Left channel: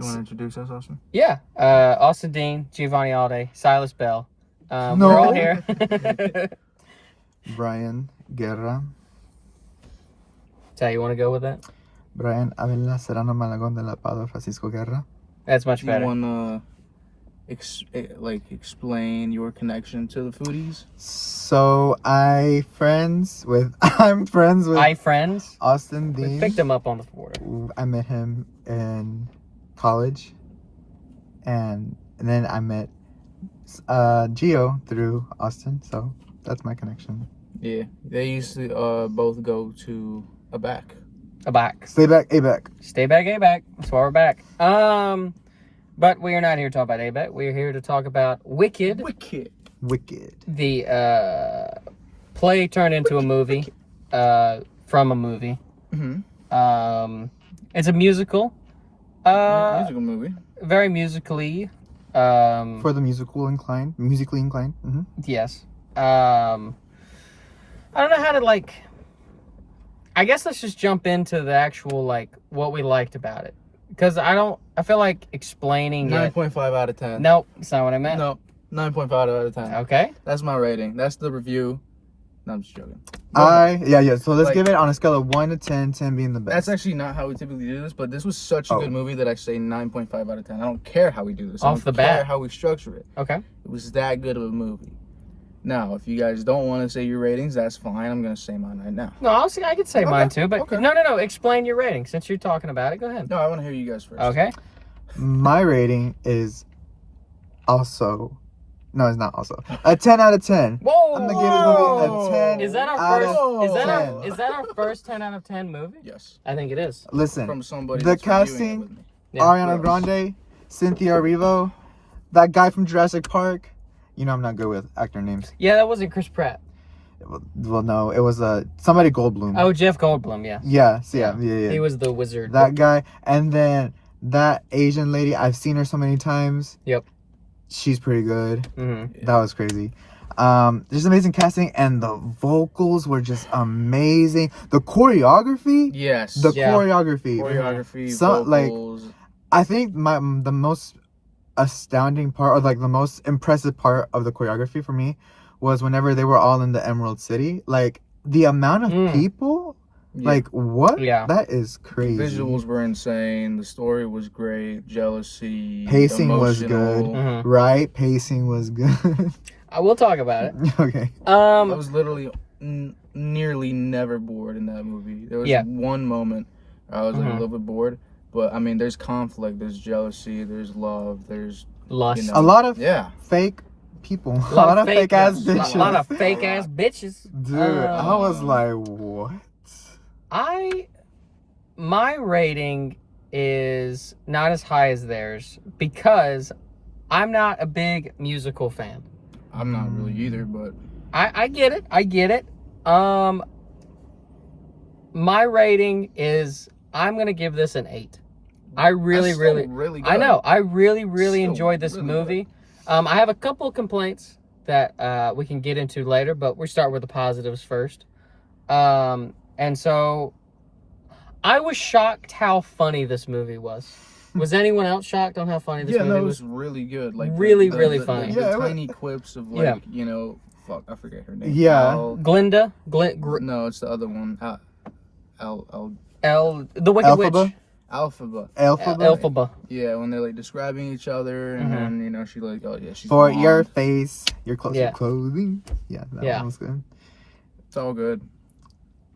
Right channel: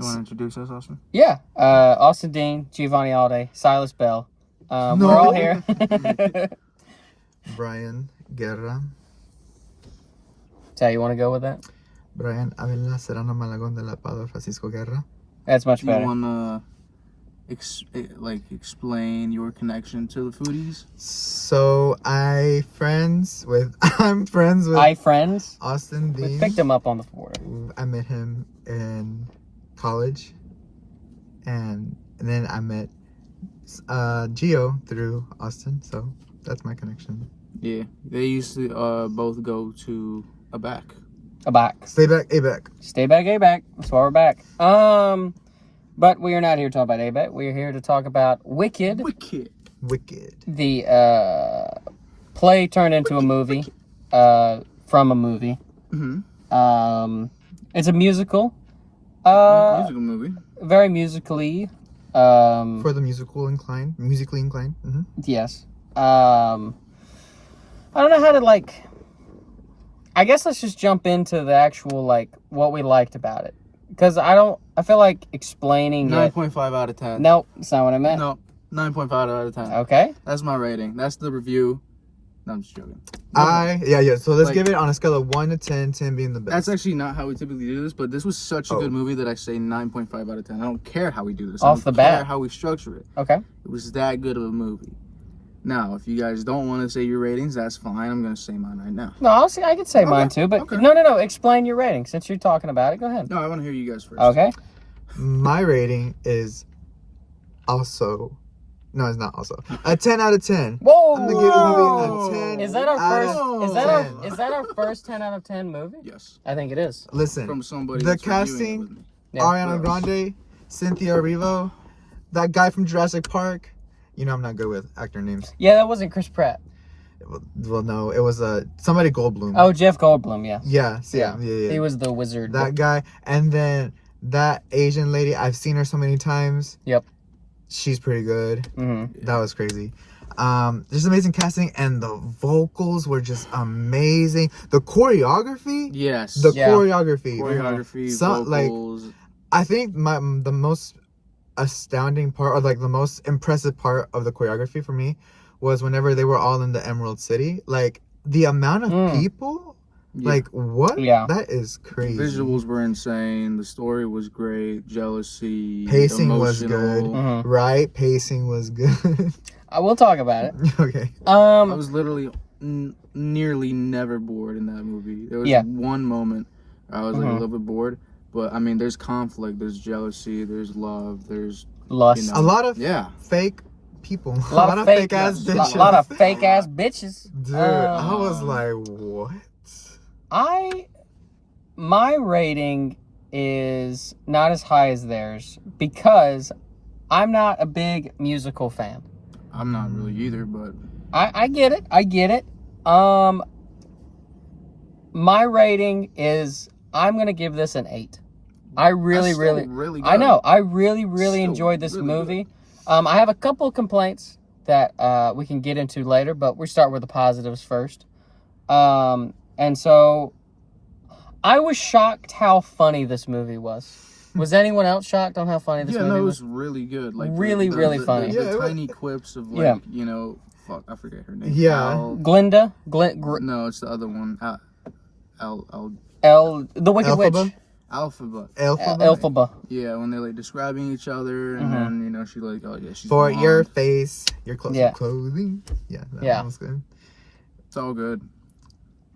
You want to introduce us, Austin? Yeah. Austin Dean, Giovanni Alde, Silas Bell. We're all here. Bryan Guerra. So you want to go with that? Bryan Avila Serrano Malagón de la Padua Francisco Guerra. That's much better. You want to explain your connection to the Foodies? So I'm friends with Austin Dean. We picked him up on the border. I met him in college, and then I met Gio through Austin. So that's my connection. Yeah, they used to both go to a back. Stay back, A-back. Stay back, A-back. That's why we're back. But we are not here to talk about A-back. We are here to talk about Wicked. The play turned into a movie from a movie. Mm-hmm. It's a musical. Musical movie. Very musically. For the musically inclined. Mm-hmm. Yes. I don't know how to I guess let's just jump into the actual what we liked about it, because I feel like explaining 9.5 out of 10. Nope, that's not what I meant. No, 9.5 out of 10. Okay, that's my rating. That's the review. No, I'm just joking. So let's give it on a scale of 1 to 10, 10 being the best. That's actually not how we typically do this, but this was such a good movie that I say 9.5 out of 10. I don't care how we do this. Off the bat. I don't care how we structure it. Okay. It was that good of a movie. Now, if you guys don't want to say your ratings, that's fine. I'm going to say mine right now. No, I could say mine too, but no. Explain your rating since you're talking about it. Go ahead. No, I want to hear you guys first. Okay. My rating is also... No, it's not also. A 10 out of 10. Whoa! I'm gonna give the movie a 10. Is that our first? Is that our first 10 out of 10 movie? Yes. I think it is. Listen, from somebody. The casting: Ariana Grande, Cynthia Erivo, that guy from Jurassic Park. You know I'm not good with actor names. Yeah, that wasn't Chris Pratt. Well, no, it was somebody Goldblum. Oh, Jeff Goldblum. Yeah. Yeah. He was the wizard. That guy, and then that Asian lady. I've seen her so many times. Yep. She's pretty good. Mm-hmm. That was crazy. Just amazing casting, and the vocals were just amazing. The choreography. Yes. The choreography. Vocals. I think the most astounding part, or the most impressive part of the choreography for me, was whenever they were all in the Emerald City. The amount of people. What? Yeah. That is crazy. Visuals were insane. The story was great. Jealousy. Pacing was good. Mm-hmm. Right? Pacing was good. I will talk about it. Okay. I was literally nearly never bored in that movie. There was one moment I was a little bit bored. But, I mean, there's conflict. There's jealousy. There's love. There's... lust. A lot of fake people. A lot of fake ass bitches. A lot of fake ass bitches. Dude, I was like, what? My rating is not as high as theirs because I'm not a big musical fan. I'm not really either, but I get it. My rating is, I'm gonna give this an 8. I really good. I know. I really enjoyed this movie. I have a couple of complaints that we can get into later, but we start with the positives first. And so I was shocked how funny this movie was. Was anyone else shocked on how funny this movie was? Yeah, no, it was really good. Really funny. The tiny quips of fuck, I forget her name. Yeah. Glinda? No, it's the other one. The Wicked Witch. Alphaba. Yeah, when they're describing each other, and then she's like, oh yeah, she's for mom. your face, your clothing. Yeah, that was good. It's all good.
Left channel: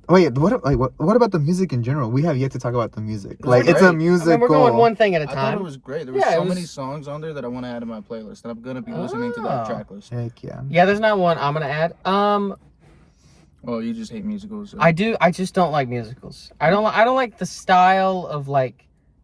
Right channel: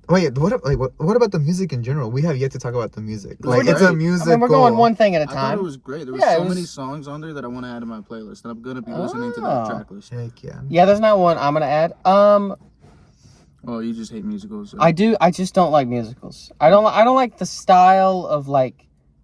Wait, what about the music in general? We have yet to talk about the music. It's a musical. I mean, we're going one thing at a time. I thought it was great. There were so many songs on there that I want to add to my playlist, and I'm gonna be listening to that track list. Heck yeah. Yeah, there's not one I'm gonna add. Oh, you just hate musicals. So. I do. I just don't like musicals. I don't like the style of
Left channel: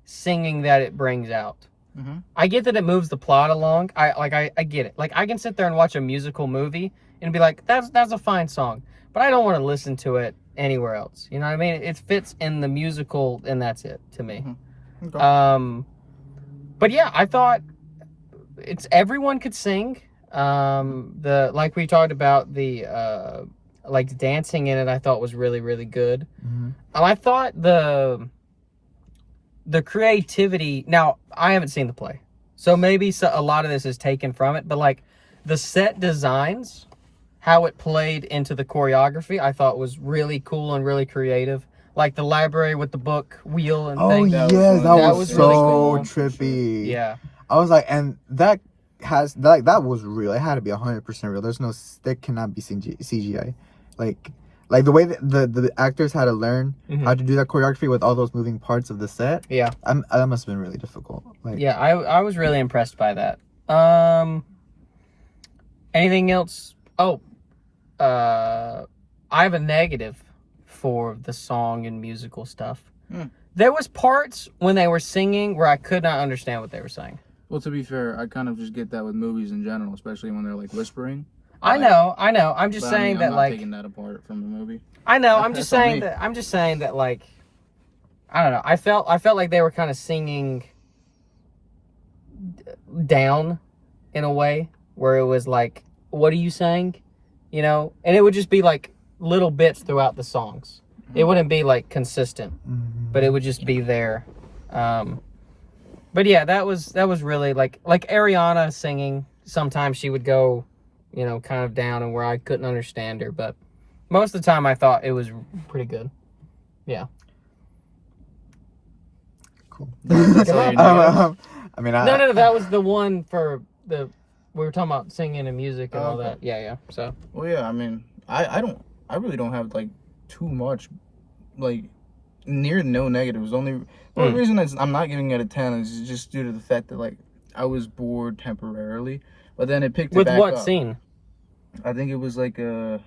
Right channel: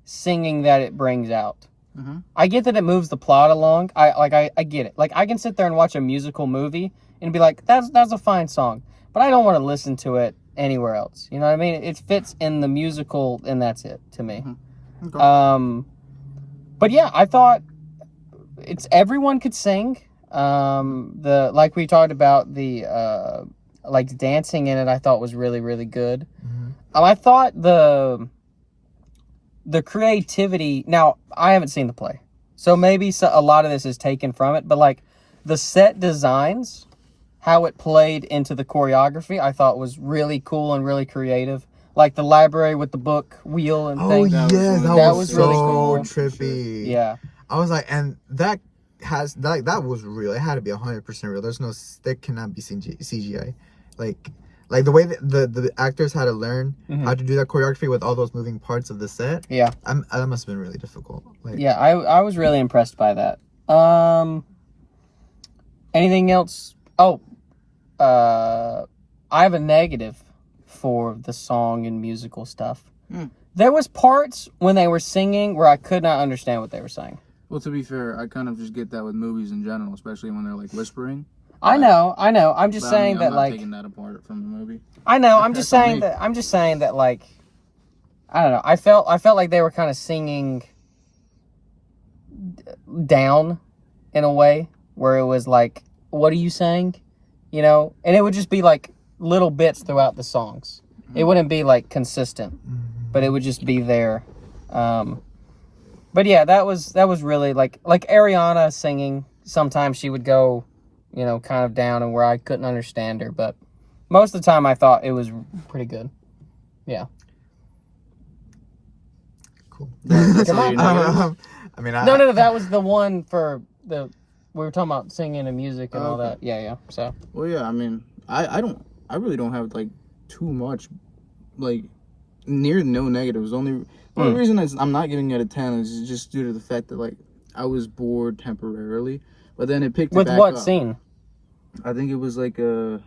singing that it brings out. Mm-hmm. I get that it moves the plot along. I get it. I can sit there and watch a musical movie and be like, that's a fine song, but I don't want to listen to it anywhere else. You know what I mean? It fits in the musical, and that's it to me. Mm-hmm. Okay. But yeah, I thought everyone could sing. Like we talked about, the dancing in it, I thought was really good. Mm-hmm. I thought the the creativity. Now, I haven't seen the play, so maybe a lot of this is taken from it, but like the set designs, how it played into the choreography, I thought was really cool and really creative. Like the library with the book wheel and things. Oh, that was so really cool. trippy. Yeah. I was like, and that was real. It had to be 100% real. There's no, that cannot be CGI. Like the way that the actors had to learn how to do that choreography with all those moving parts of the set. Yeah. That must have been really difficult. Like, yeah, I was really impressed by that. Anything else? Oh, I have a negative for the song and musical stuff. There was parts when they were singing where I could not understand what they were saying. Well, to be fair, I kind of just get that with movies in general, especially when they're like whispering. I know. I'm just saying that, I'm not like, taking that apart from the movie. I know. I'm just saying that, like, I don't know. I felt like they were kind of singing down in a way where it was like, "What are you saying?" You know, and it would just be like little bits throughout the songs. It wouldn't be like consistent, but it would just be there. But yeah, that was really like Ariana singing. Sometimes she would go, you know, kind of down and where I couldn't understand her, but most of the time I thought it was pretty good. Yeah. Cool. That's all you know. I mean, No, that was the one for we were talking about singing and music and all okay. that. Yeah. So. Well, yeah. I mean, I really don't have like too much, like near no negatives. The only reason I'm not giving it a 10 is just due to the fact that like I was bored temporarily, but then it picked it back up. With what scene? I think it was like it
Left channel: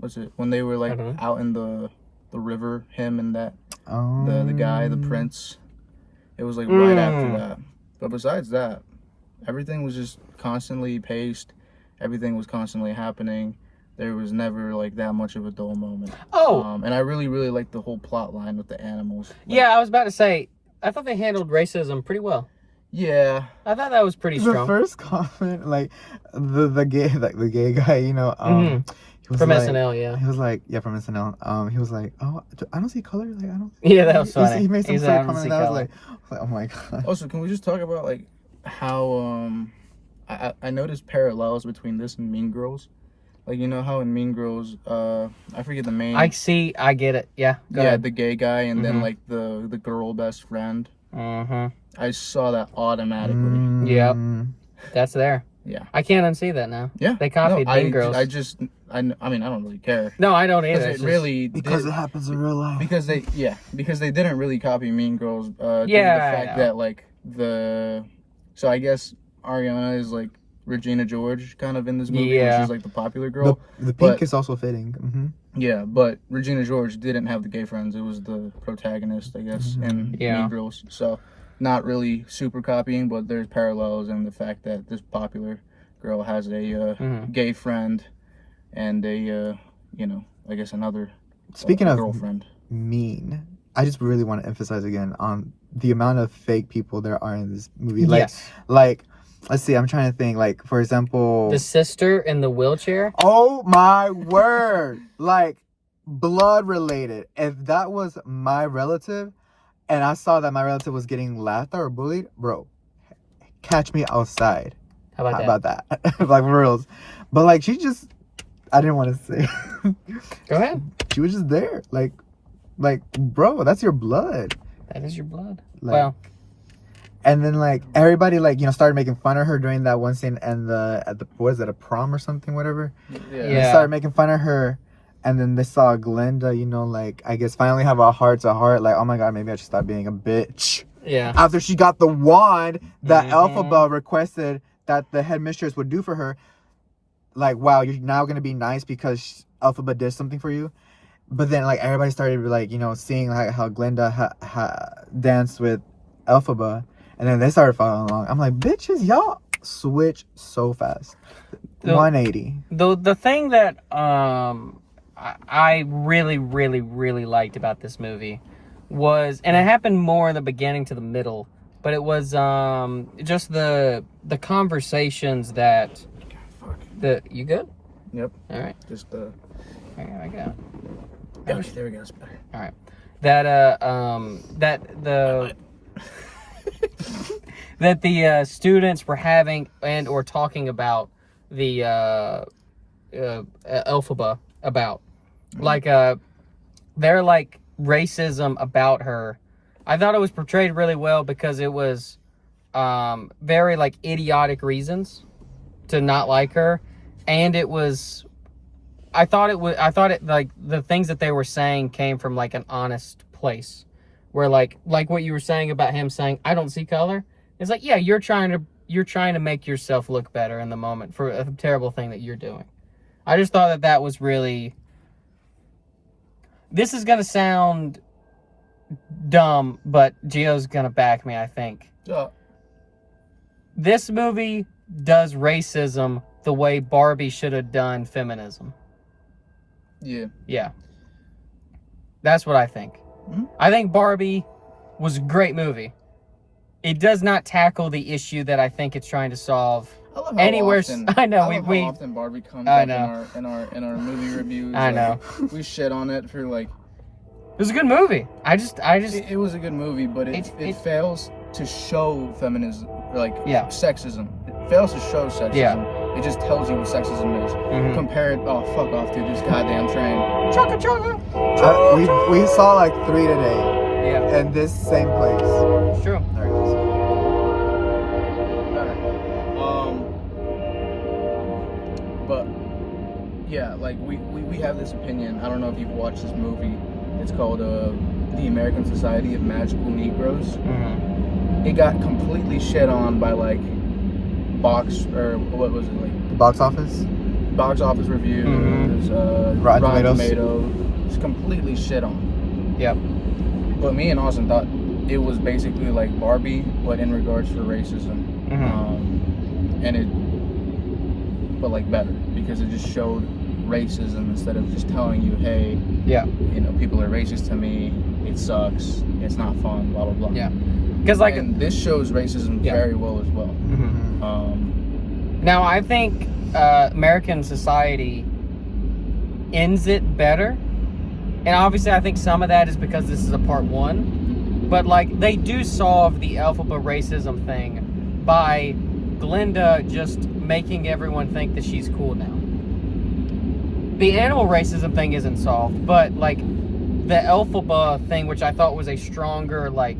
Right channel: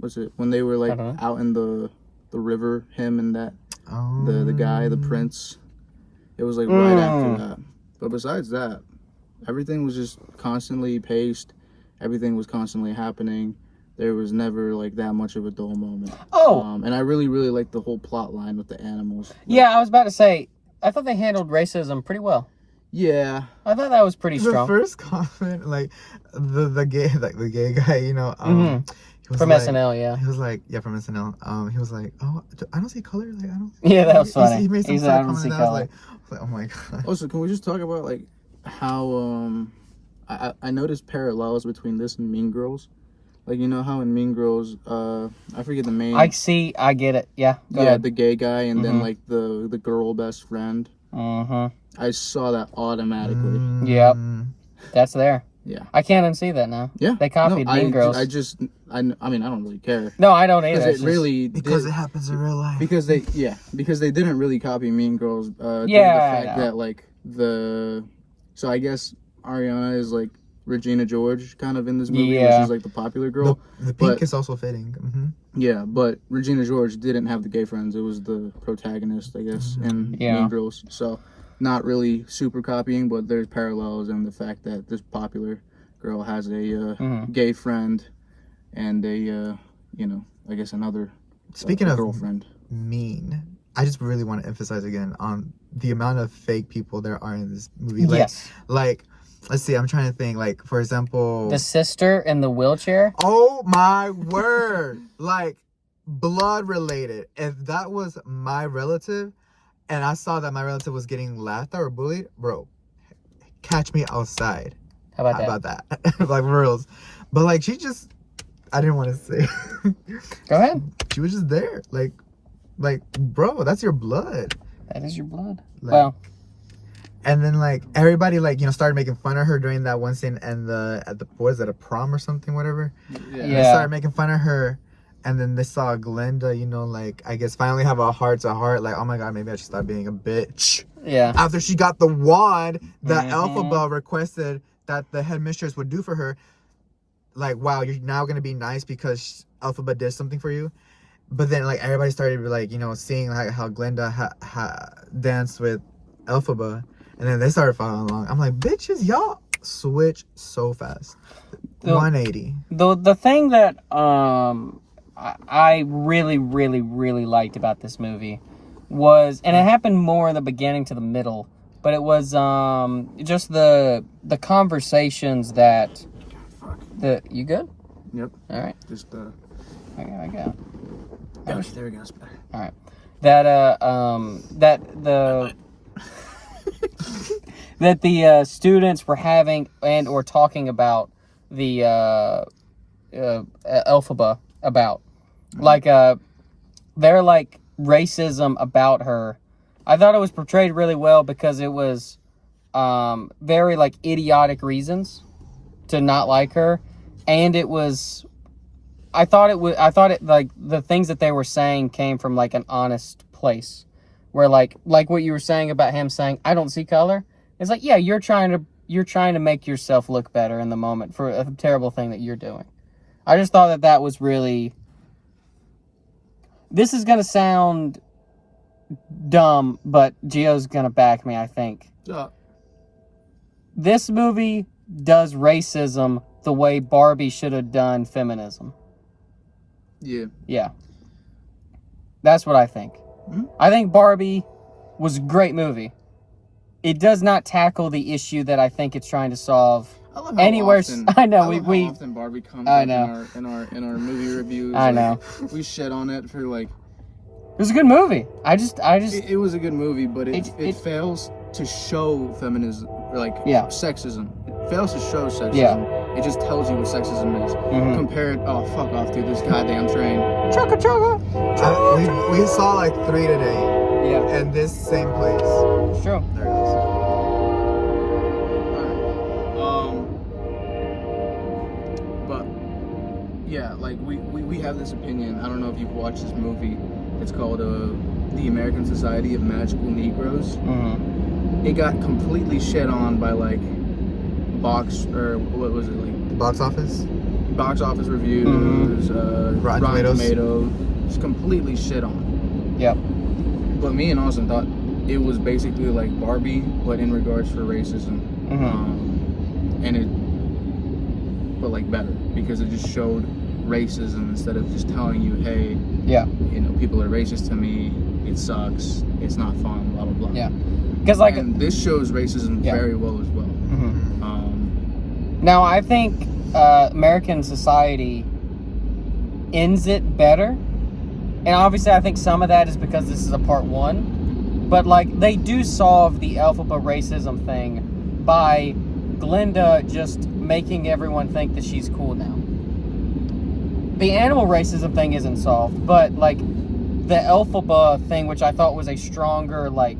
was when they were like out in the river, him and that the guy, the prince. It was like right after that. But besides that, everything was just constantly paced. Everything was constantly happening. There was never like that much of a dull moment. And I really, really liked the whole plot line with the animals. Like, yeah, I was about to say, I thought they handled racism pretty well. Yeah, I thought that was pretty strong. The first comment, like the gay guy, you know, he was from like, SNL, yeah. He was like, yeah, from SNL. He was like, oh, I don't see color. Like, I don't. Yeah, that was funny. He made some sort of comment, and I was like, oh my god. Also, can we just talk about like how I noticed parallels between this and Mean Girls. Like, you know how in Mean Girls, I forget the main. I get it. Yeah. Go ahead. The gay guy, and then like the girl best friend. I saw that automatically. Yep. That's there. Yeah. I can't unsee that now. Yeah. They copied Mean Girls. I mean, I don't really care. No, I don't either. Because it happens in real life. Because they didn't really copy Mean Girls. Due to the fact that like so I guess Ariana is like Regina George kind of in this movie, which is like the popular girl. The pink is also fitting. Yeah, but Regina George didn't have the gay friends. It was the protagonist, I guess, in Mean Girls. So not really super copying, but there's parallels in the fact that this popular girl has a gay friend and a I guess another Speaking of girlfriend. Mean, I just really want to emphasize again on the amount of fake people there are in this movie. Like, yes. Like, let's see, I'm trying to think. Like, for example, the sister in the wheelchair. Oh my word! Like, blood related. If that was my relative, and I saw that my relative was getting laughed at or bullied, bro, catch me outside. How about that? Like, for reals. But like, I didn't want to say. Go ahead. She was just there, like, bro, that's your blood. That is your blood. Like, well. And then like everybody like started making fun of her during that one scene and at the was it a prom or something, whatever. Yeah. They started making fun of her, and then they saw Glenda, like I guess finally have a heart to heart, like, oh my god, maybe I should stop being a bitch. Yeah. After she got the wand that Elphaba requested that the headmistress would do for her, like, wow, you're now gonna be nice because Elphaba did something for you. But then like everybody started like seeing like how Glenda danced with Elphaba. And then they started following along. I'm like, bitches, y'all switch so fast. 180. The thing that I really, really, really liked about this movie was, and it happened more in the beginning to the middle, but it was just the conversations that you good? Yep. All right. Just There we go. Okay, there we go. It's better. All right. That the students were having and or talking about the Elphaba about, like their like racism about her. I thought it was portrayed really well because it was very like idiotic reasons to not like her, and it was. I thought it like the things that they were saying came from like an honest place, where like what you were saying about him saying I don't see color. It's like, yeah, you're trying to make yourself look better in the moment for a terrible thing that you're doing. I just thought that was really. This is gonna sound dumb, but Gio's gonna back me, I think. Yeah. This movie does racism the way Barbie should have done feminism. Yeah. Yeah. That's what I think. Mm-hmm. I think Barbie was a great movie. It does not tackle the issue that I think it's trying to solve. I love how often, I know how we often Barbie comes up in our movie reviews. I know. We shit on it for like. It was a good movie. It was a good movie, but it fails to show feminism, like sexism. It fails to show sexism. Yeah. It just tells you what sexism is. Mm-hmm. Compared, oh fuck off, dude! This goddamn train. Chugga chugga. We saw like 3 today. Yeah. In this same place. It's true. There it goes. But yeah, like we have this opinion. I don't know if you've watched this movie. It's called The American Society of Magical Negroes. Mm-hmm. It got completely shit on by like what was it, like Box office reviews, Rotten Tomatoes. Tomatoes. It's completely shit on. Yep. But me and Austin thought it was basically like Barbie, but in regards for racism. But like better, because it just showed racism instead of just telling you, hey, people are racist to me, it sucks, it's not fun, blah blah blah. Yeah. Because and this shows racism very well as well. Now I think American Society ends it better, and obviously I think some of that is because this is a part 1, but like they do solve the Elphaba racism thing by Glinda just making everyone think that she's cool now. The animal racism thing isn't solved, but like the Elphaba thing, which I thought was a stronger like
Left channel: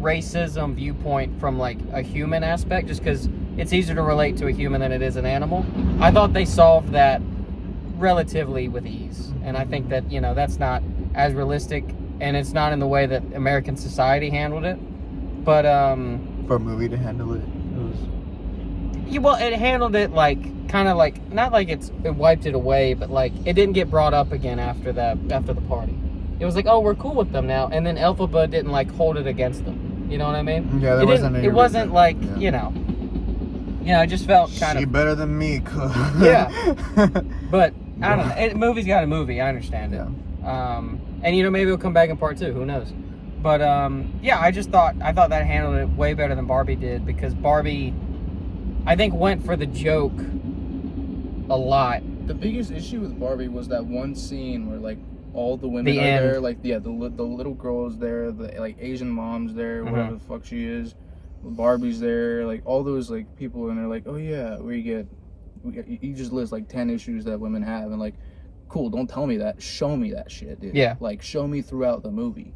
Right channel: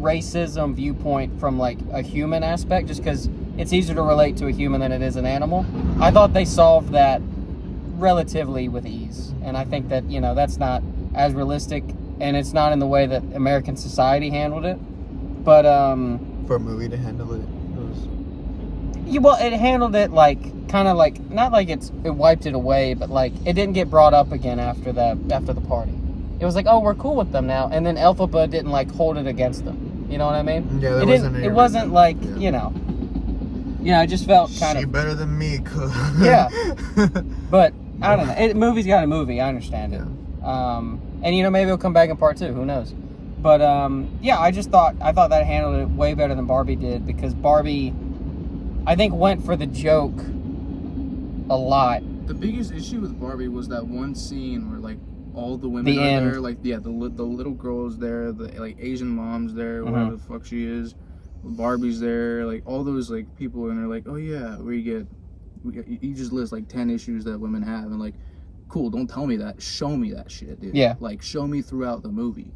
racism viewpoint from like a human aspect, just because it's easier to relate to a human than it is an animal. I thought they solved that relatively with ease, and I think that that's not as realistic, and it's not in the way that American Society handled it. But for a movie to handle it. Well, it handled it like kind of like not like it wiped it away, but like it didn't get brought up again after the party. It was like, oh, we're cool with them now, and then Elphaba didn't like hold it against them. You know what I mean? Yeah, it wasn't like it just felt kind of better than me. Yeah, but I don't know. Movie's got a movie. I understand it. And maybe it'll come back in part 2. Who knows? But I thought that handled it way better than Barbie did, because Barbie, I think, went for the joke a lot. The biggest issue with Barbie was that one scene where like all the women are there, like the little girls there, the like Asian moms there, whatever the fuck she is, Barbie's there, like all those like people, and they're like, oh yeah, you just list like 10 issues that women have, and like, cool, don't tell me that, show me that shit, dude. Yeah. Like show me throughout the movie.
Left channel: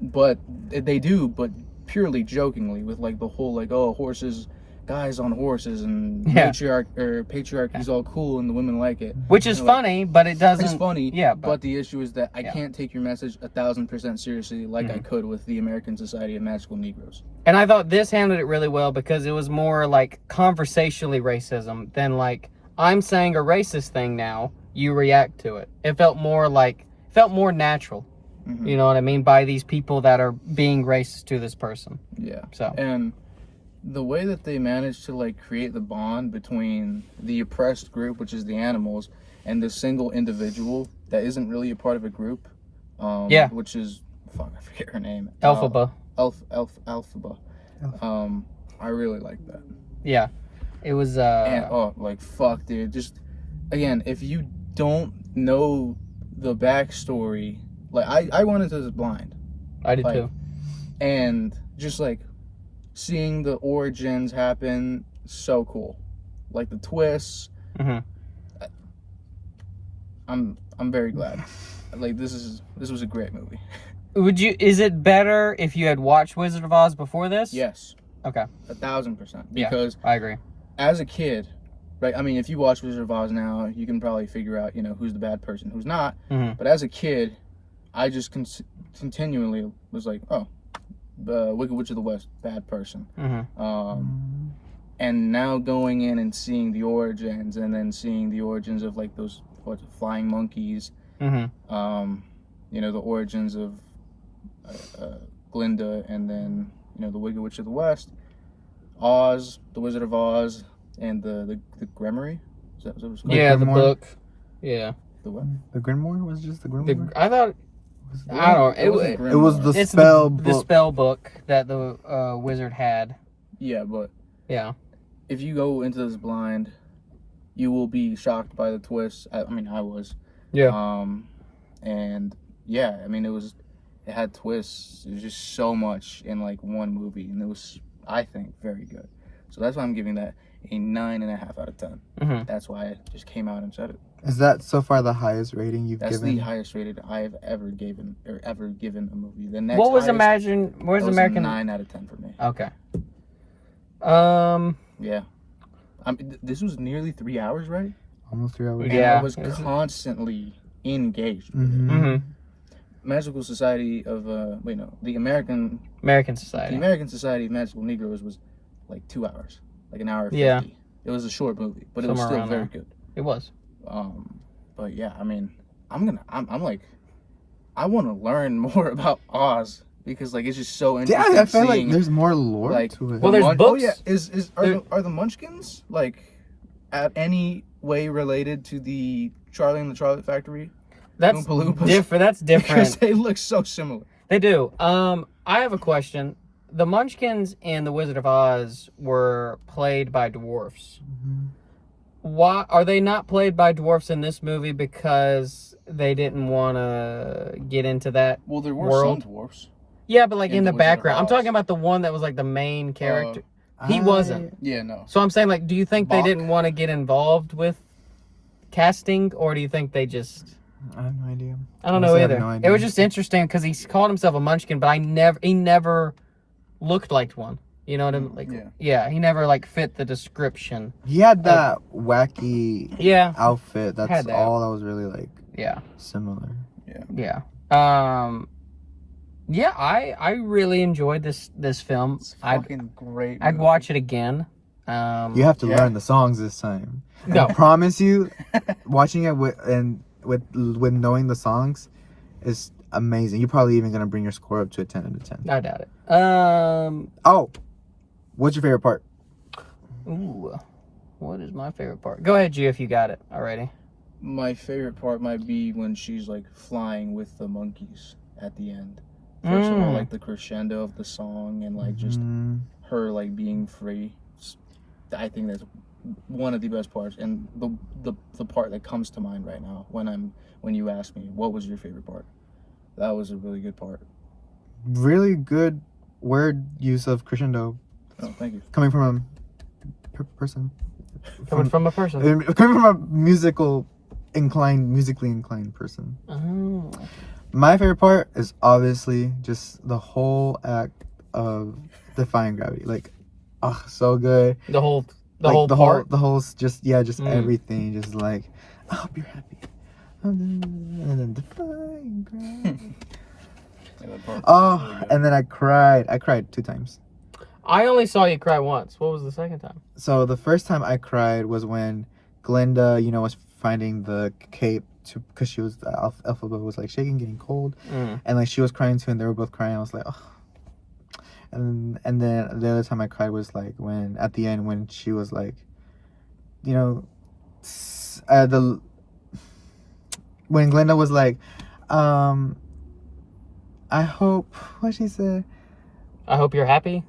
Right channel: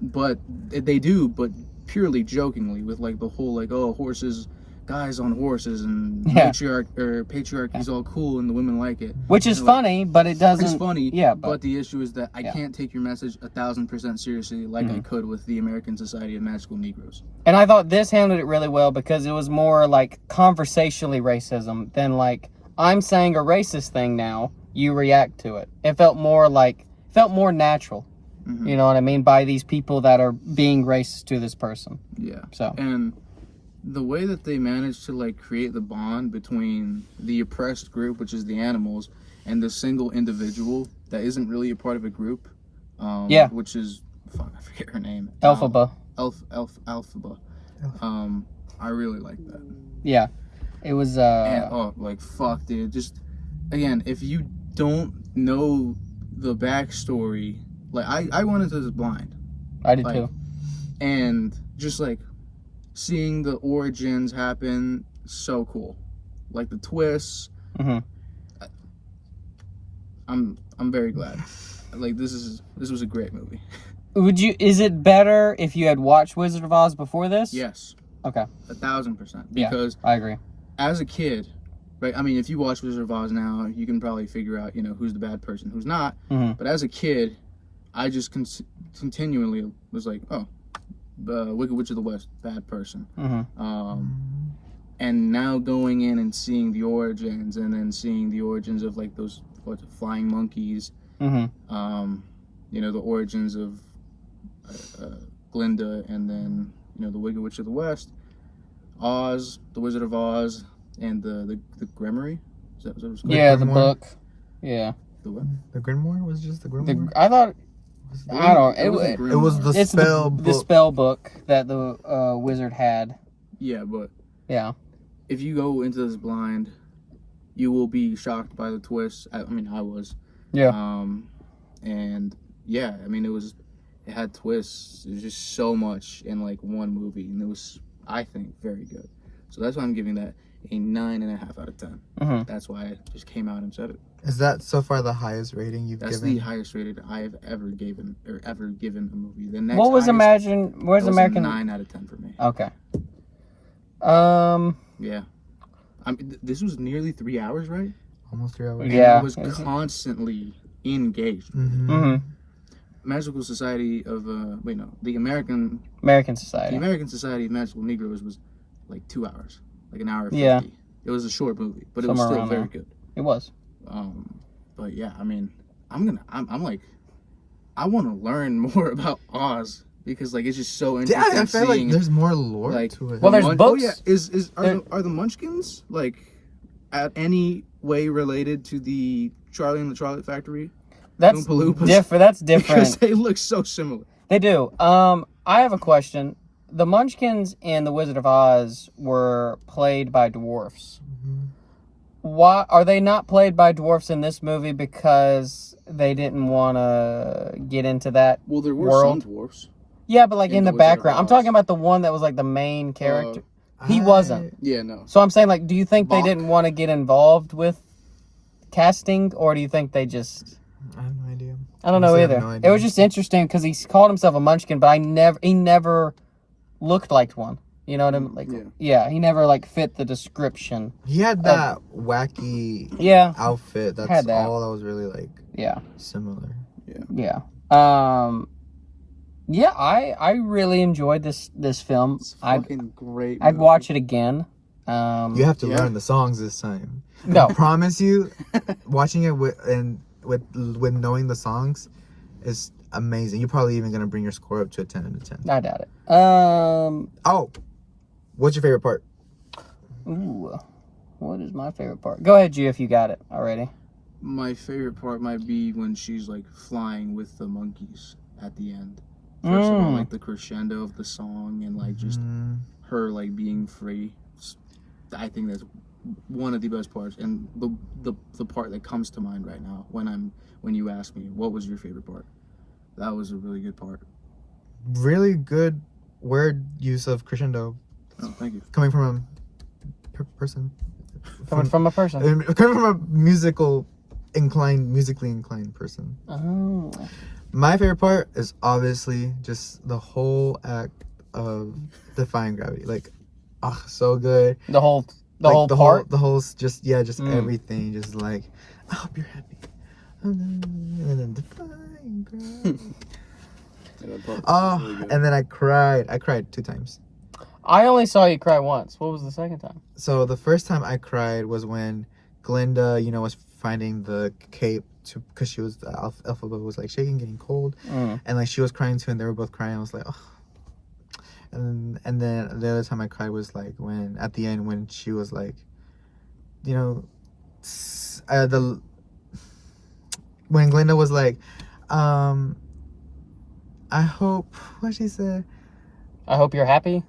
But they do, but purely jokingly, with like the whole like, oh, horses, guys on horses, and patriarchy's all cool and the women like it, which is funny, but it doesn't. It's funny, yeah. But the issue is that I can't take your message 1,000% seriously like I could with the American Society of Magical Negroes. And I thought this handled it really well, because it was more like conversationally racism than like, I'm saying a racist thing now, you react to it. It felt more natural. You know what I mean? By these people that are being racist to this person. Yeah. So. And the way that they managed to like create the bond between the oppressed group, which is the animals, and the single individual that isn't really a part of a group, which is, fuck, I forget her name. Elphaba. Elphaba. I really like that. Yeah. It was like fuck, dude. Just again, if you don't know the backstory. Like, I went into this blind. I did too. And just, like, seeing the origins happen, so cool. Like, the twists. Mm-hmm. I'm very glad. Like, this was a great movie. Is it better if you had watched Wizard of Oz before this? Yes. Okay. 1,000%. Because I agree. as a kid, right? I mean, if you watch Wizard of Oz now, you can probably figure out, who's the bad person, who's not. Mm-hmm. But as a kid, I just continually was like, oh, the Wicked Witch of the West, bad person. Mm-hmm. And now going in and seeing the origins, and then seeing the origins of like those flying monkeys. Mm-hmm. The origins of Glinda, and then the Wicked Witch of the West, Oz, the Wizard of Oz, and the Grimoire. Is that what it was called? Yeah, the book. Yeah. The what? The Grimoire was just the Grimoire. I thought. I don't. It was the spell book. The spell book that the wizard had. Yeah, but yeah, if you go into this blind, you will be shocked by the twists. I mean, I was. Yeah. And yeah, I mean, it had twists. It was just so much in like one movie, and it was, I think, very good. So that's why I'm giving that a 9.5 out of 10. Mm-hmm. That's why I just came out and said it. Is that so far the highest rating you've given? That's the highest rated I have ever given a movie. The next what was highest, Where's American? A 9 out of 10 for me. Okay. Yeah. I mean, this was nearly 3 hours, right? Almost 3 hours. And yeah. I was constantly engaged. Mm-hmm. Mm-hmm. Magical Society of the American Society. The American Society of Magical Negroes was like 2 hours, like an hour 50. Yeah. It was a short movie, but Somewhere it was still around very there. good. It was. But yeah, I mean, I'm like, I want to learn more about Oz because like it's just so interesting. Yeah, I feel like seeing, there's more lore like, to it. Well, there's books. Oh yeah, are the Munchkins like at any way related to the Charlie and the Chocolate Factory? That's different. That's different. Because they look so similar. They do. I have a question. The Munchkins in The Wizard of Oz were played by dwarfs. Mm-hmm. Why are they not played by dwarfs in this movie? Because they didn't want to get into that. Well, there were world. some dwarfs. Yeah, but like in the The Wizard of background. I'm Oz. talking about the one that was like the main character. He wasn't. Yeah, no. So I'm saying, like, do you think Bach. they didn't want to get involved with casting, or do you think they just? I have no idea. I don't know Honestly, I have either. no It idea. was just interesting because he called himself a Munchkin, but he never looked like one. You know what I mean? Like, yeah, he never like fit the description. He had that wacky outfit. That's had that. all that was really like similar. Yeah. Yeah, I really enjoyed this film. It's fucking great. I'd watch it again. You have to learn the songs this time. No. I promise you, watching it with knowing the songs is amazing. You're probably even gonna bring your score up to a 10 out of 10. I doubt it. Oh, what's your favorite part? Ooh, what is my favorite part? Go ahead, G, if you got it already. My favorite part might be when she's like flying with the monkeys at the end. First of all, like the crescendo of the song and like just her like being free. I think that's one of the best parts, and the part that comes to mind right now when you ask me what was your favorite part. That was a really good part. Really good word use of crescendo. Oh, thank you. Coming from a person. Coming from a person. Coming from a musically inclined person. Oh. My favorite part is obviously just the whole act of defying gravity. Like, so good. The whole part. Just everything. Just like, I hope you're happy. And then defying gravity. And then I cried. I cried 2 times. I only saw you cry once. What was the second time? So the first time I cried was when Glinda, was finding the cape because she was the alphabet was like shaking, getting cold, and like she was crying too, and they were both crying. I was like, oh. And then the other time I cried was like when at the end when she was like, when Glinda was like, I hope what she said. I hope you're happy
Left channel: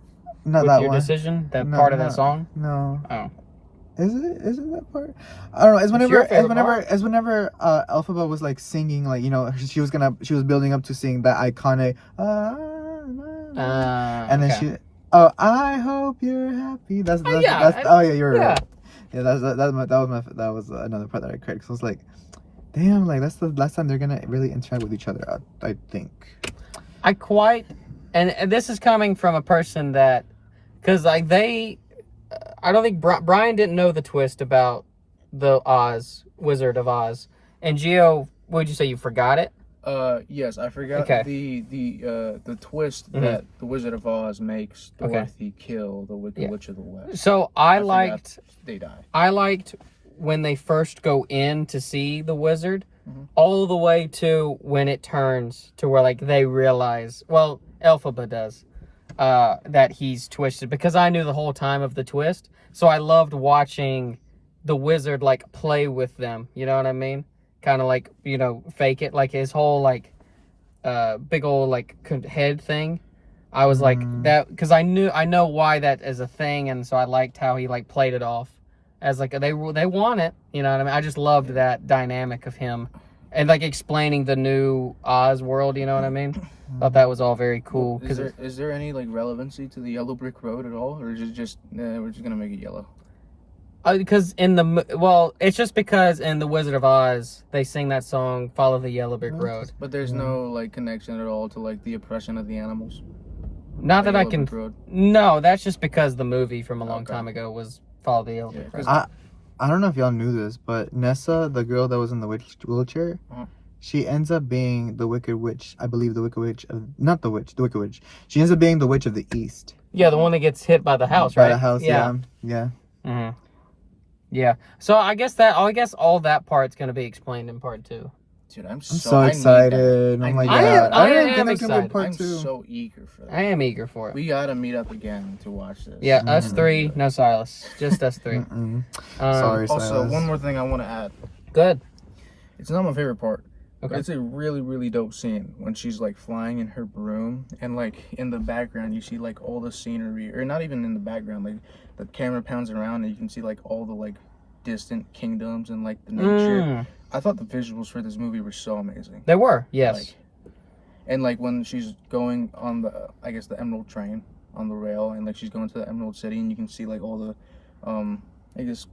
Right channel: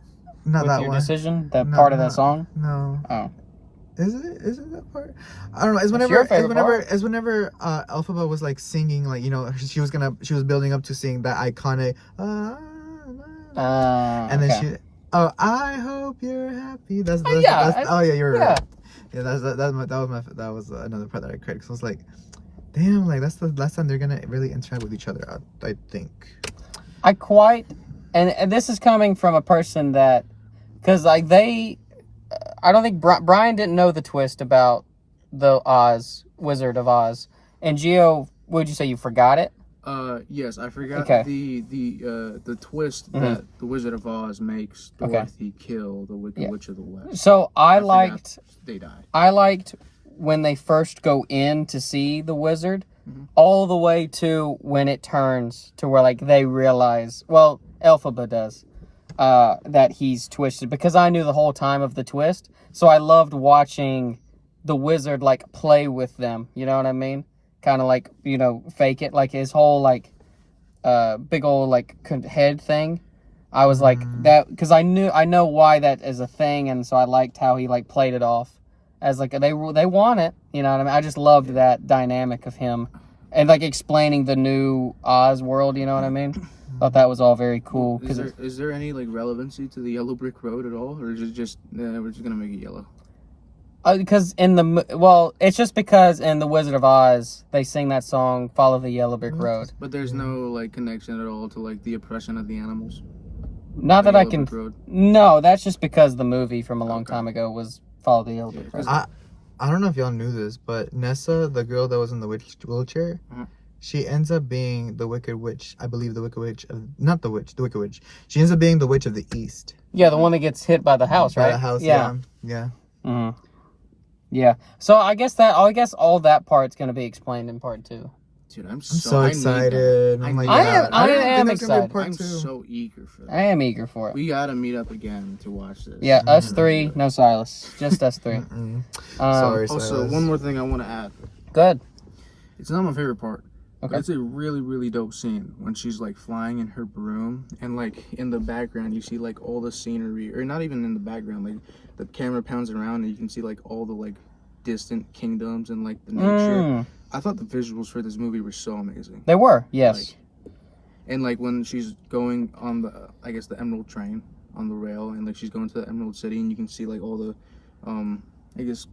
Not with that your one. decision. That part of that song. No. Oh. Is it that part? I don't know. It's whenever Elphaba was like singing, like, you know, she was building up to sing that iconic and then she I hope you're happy. That's you're right. Yeah, that was another part that I cried. So I was like, damn, like that's the last time they're gonna really interact with each other, I think. And this is coming from a person that, because like I don't think Bryan didn't know the twist about the Wizard of Oz. And Gio, would you say you forgot it? Yes, I forgot the twist that the Wizard of Oz makes Dorothy kill the Wicked Witch of the West. So I liked they die. I liked when they first go in to see the wizard, all the way to when it turns to where like they realize, well, Elphaba does, that he's twisted, because I knew the whole time of the twist. So I loved watching the wizard like play with them. You know what I mean? Kind of like, you know, fake it, like his whole like big old like head thing. I was like that because I know why that is a thing, and so I liked how he like played it off as like they want it. You know what I mean? I just loved that dynamic of him and like explaining the new Oz world. You know what I mean? Thought that was all very cool. Is there any like relevancy to the yellow brick road at all, or is it just we're just gonna make it yellow? Because it's just because in the Wizard of Oz they sing that song "Follow the Yellow Brick Road." But there's no like connection at all to like the oppression of the animals. Not that I can. No, that's just because the movie from a long time ago was "Follow the Yellow Brick Road." I don't know if y'all knew this, but Nessa, the girl that was in the wheelchair, she ends up being the Wicked Witch. I believe the Wicked Witch, the Wicked Witch. She ends up being the Witch of the East. Yeah, the one that gets hit by the house, right? By the house, yeah. Mm-hmm. Yeah. So I guess all that part's gonna be explained in part 2. Dude, I'm so excited. I am excited. I'm so eager for that. I am eager for it. We gotta meet up again to watch this. Yeah, us three, no Silas, just us three. Sorry, also, Silas. one more thing I want to add. Good. It's not my favorite part. Okay. It's a really, really dope scene when she's like flying in her broom, and like in the background you see like all the scenery, or not even in the background, like the camera pounds around and you can see like all the like distant kingdoms and like the nature. I thought the visuals for this movie were so amazing. They were, yes. Like, and like when she's going on the, I guess the Emerald train on the rail, and like she's going to the Emerald City, and you can see like all the, I guess,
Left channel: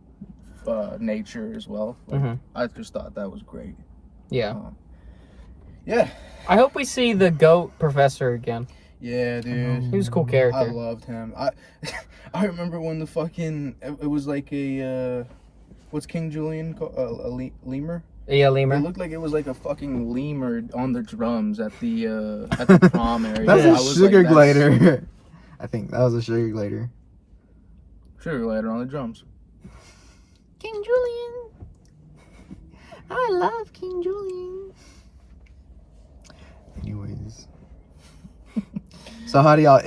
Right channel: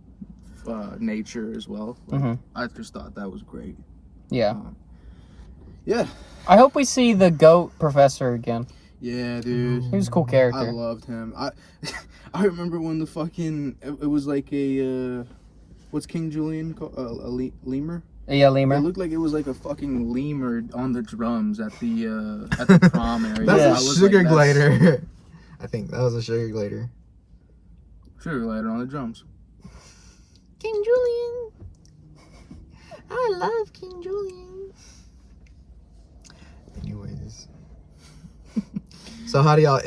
nature as well. Like, I just thought that was great. Yeah. Yeah. I hope we see the goat professor again. Yeah, dude. He was a cool character. I loved him. I remember when the fucking it was like a what's King Julian called? A lemur. Yeah, lemur. It looked like it was like a fucking lemur on the drums at the prom area. That's a sugar glider. I think that was a sugar glider. Sugar glider on the drums. King Julian. I love King Julian. Anyways. So how do y'all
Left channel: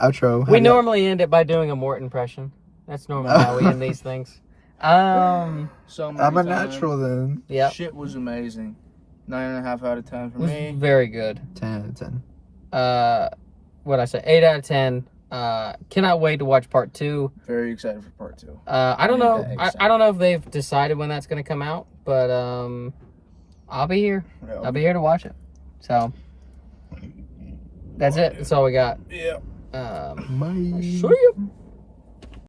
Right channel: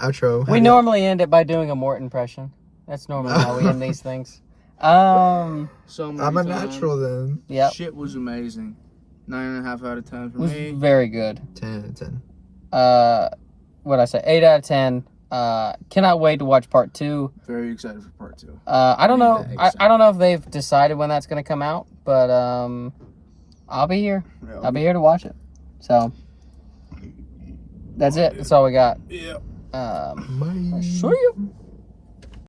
outro? We normally end it by doing a Mort impression. That's normally how we end these things. So I'm a natural then. Yeah. Shit was amazing. 9.5 out of 10 for me. Very good. 10 out of 10. What'd I say? 8 out of 10. Cannot wait to watch part 2. Very excited for part 2. I don't know. I don't know if they've decided when that's gonna come out, but I'll be here. Yeah, I'll be here to watch it. So that's it. That's all we got. Yeah. Bye. See you.